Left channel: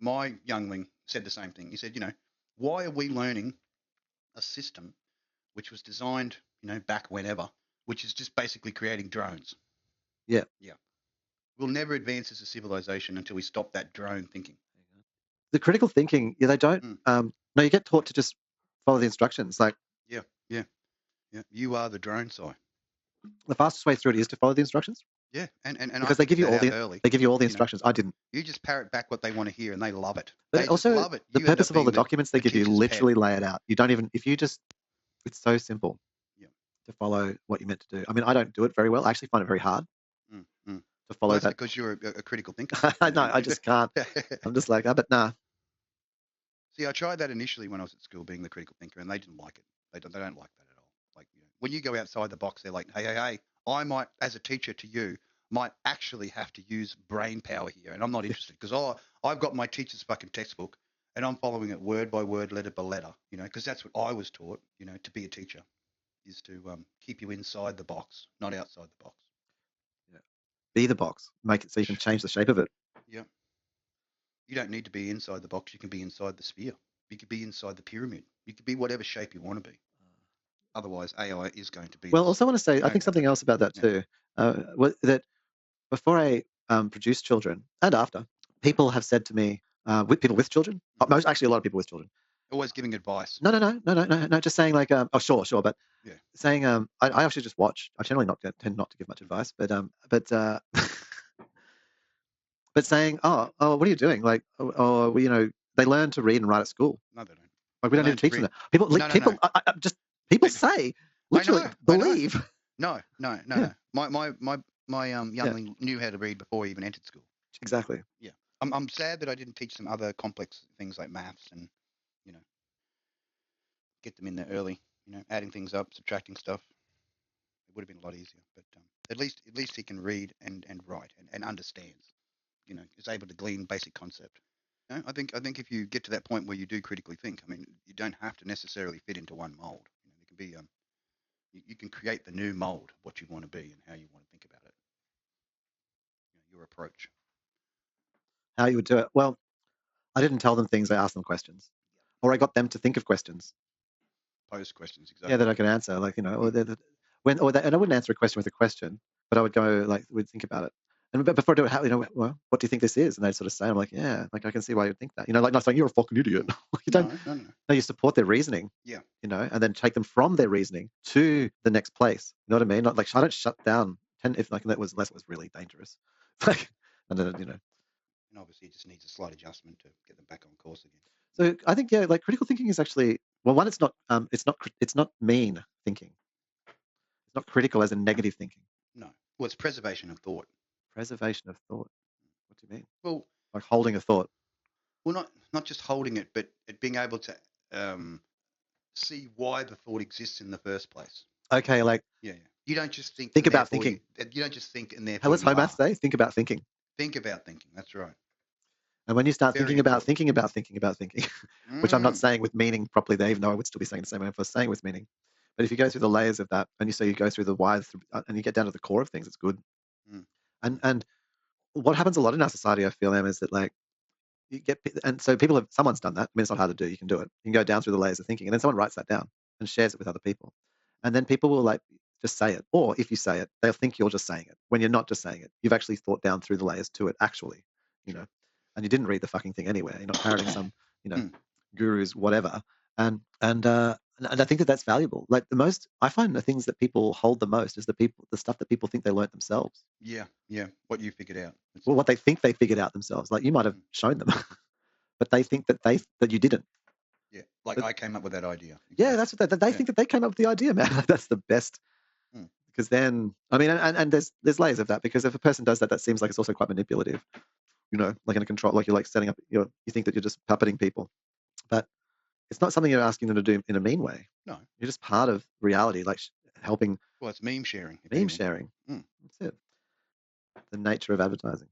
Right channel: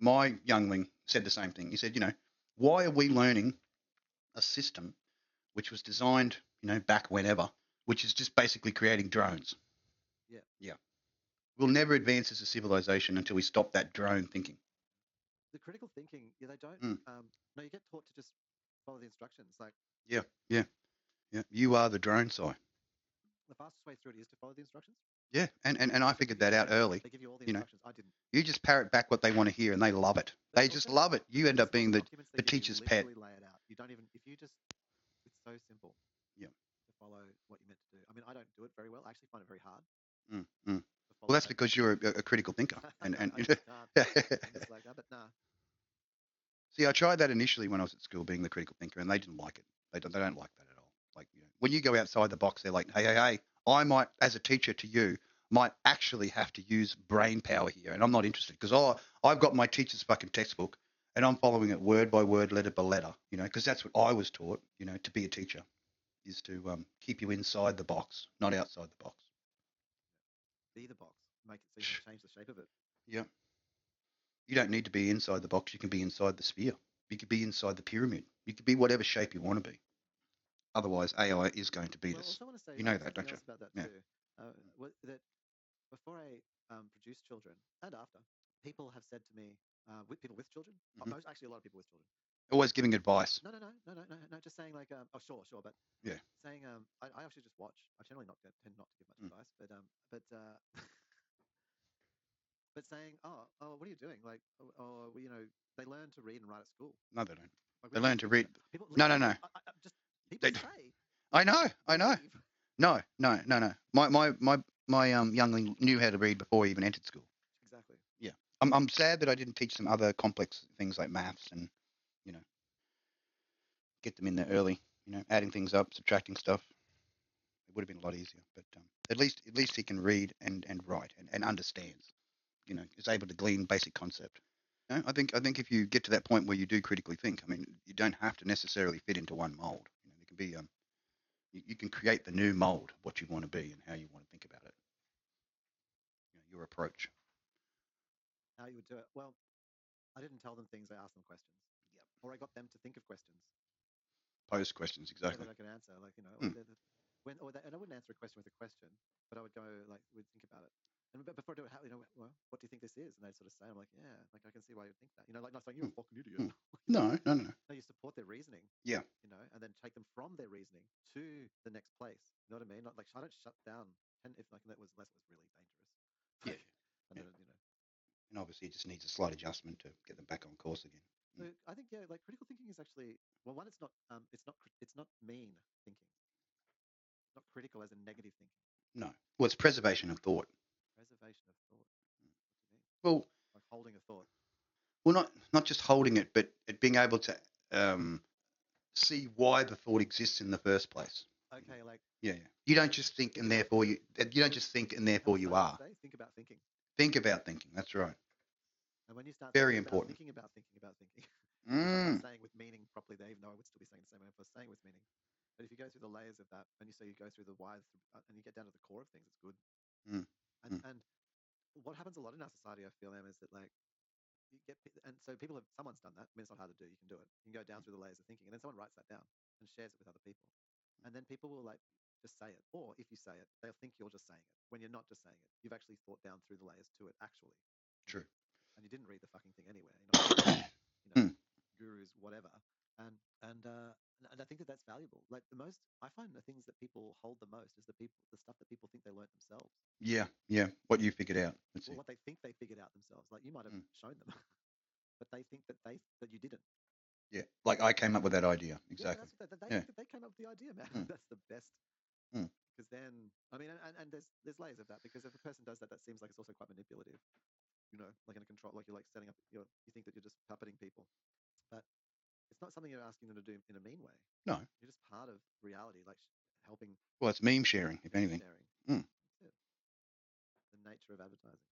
my youngling said the same thing. He said, why are we learning a system which was designed, back whenever, which is just basically creating drones? Yeah. Yeah. We'll never advance as a civilization until we stop that drone thinking. The critical thinking, they don't. No, you get taught to just follow the instructions. Like, Yeah. You are the drone, Si. the fastest way through it is to follow the instructions. Yeah, and I Because they give you figured that all out early. they give you all the instructions. I didn't. You just parrot back what they want to hear, and they love it. But They just also, love it. the You end purpose up of all being the documents they the give you teacher's literally pet. lay it out. You don't even, if you just, it's so simple. Yeah. To follow what you're meant to do. I mean, I don't do it very well. I actually find it very hard To follow well, that's that. because you're a critical thinker. No, I just can't. I'm just like, but nah. See, I tried that initially when I was at school, being the critical thinker, and they didn't like it. They don't like that at all. Like, when you go outside the box, they're like, hey, I might, as a teacher to you, might actually have to use brain power here, and I'm not interested because I've got my teacher's fucking textbook, and I'm following it word by word, letter by letter, because that's what I was taught, to be a teacher, is to keep you inside the box, not outside the box. Yeah. Be the box. Make it so you can change the shape of it. Yeah. You don't need to be inside the box. You can be inside the sphere. You could be inside the pyramid. You could be whatever shape you want to be. Otherwise, AI is going to be. Well, also want to say, I think something else about that too, that before I produced children and after, people have said to me, with people with children, actually a lot of people with children, always giving advice. No, just saying like, oh, sure, but yeah, saying, I actually just watch. I generally tend not to give much advice, but but saying, oh, what are you doing? Like, they learn to read and write at school. No, they don't. Like, we don't even teach them that. People, people say, literally, believe. No. My youngling knew how to read before he even entered school. Exactly. Yeah. I'm sad that I didn't teach them other complex things like maths and, get them in there early, adding things up, subtracting stuff. It would have been a lot easier, but at least he can read and write and understands, is able to glean basic concept. I think if you get to that point where you do critically think, I mean, you don't have to necessarily fit into one mold. It can be you can create the new mold of what you want to be and how you want to think about it. Your approach. How you would do it? Well, I didn't tell them things. I asked them questions, or I got them to think of questions. Pose questions, exactly. Yeah, that I could answer. Like, and I wouldn't answer a question with a question, but I would go like, we'd think about it. And before I do it, well, what do you think this is? And they'd sort of say, I'm like, yeah, like I can see why you'd think that. Like not saying you're a fucking idiot. No. No, you support their reasoning. Yeah. And then take them from their reasoning to the next place. You know what I mean? Not like I don't shut down if like that was really dangerous. Like, and then And obviously, it just needs a slight adjustment to get them back on course again. So I think like critical thinking is actually, well, one, it's not mean thinking. It's not critical as in negative thinking. No. Well, it's preservation of thought. Preservation of thought. What do you mean? Well, like holding a thought. Well, not just holding it, but it being able to see why the thought exists in the first place. Okay, like yeah. You don't just think about thinking. You don't just think and therefore What's Homer say? Think about thinking. Think about thinking. That's right. And when you start thinking about thinking, which I'm not saying with meaning properly there, even though I would still be saying the same way if I was saying with meaning. But if you go through the layers of that, and you go through the why, and you get down to the core of things, it's good. And what happens a lot in our society, I feel, is that like you get, and so someone's done that. I mean, it's not hard to do. You can do it. You can go down through the layers of thinking, and then someone writes that down and shares it with other people, and then people will like just say it. Or if you say it, they'll think you're just saying it when you're not just saying it. You've actually thought down through the layers to it, actually. You know. And you didn't read the fucking thing anywhere. You're not parroting some, gurus, whatever. And I think that's valuable. Like I find the things that people hold the most is the stuff that people think they learnt themselves. Yeah. What you figured out. Well, what they think they figured out themselves. Like you might have shown them, but they think that you didn't. Yeah. Like I came up with that idea. Exactly. Yeah, that's what they think that they came up with the idea, man. Like, that's the best. Because then, I mean, and there's layers of that. Because if a person does that, that seems like it's also quite manipulative. Like in a control, like you're like setting up, you think that you're just puppeting people, but it's not something you're asking them to do in a mean way. No, you're just part of reality, like helping. Well, it's meme sharing. Meme sharing. That's it. The nature of advertising.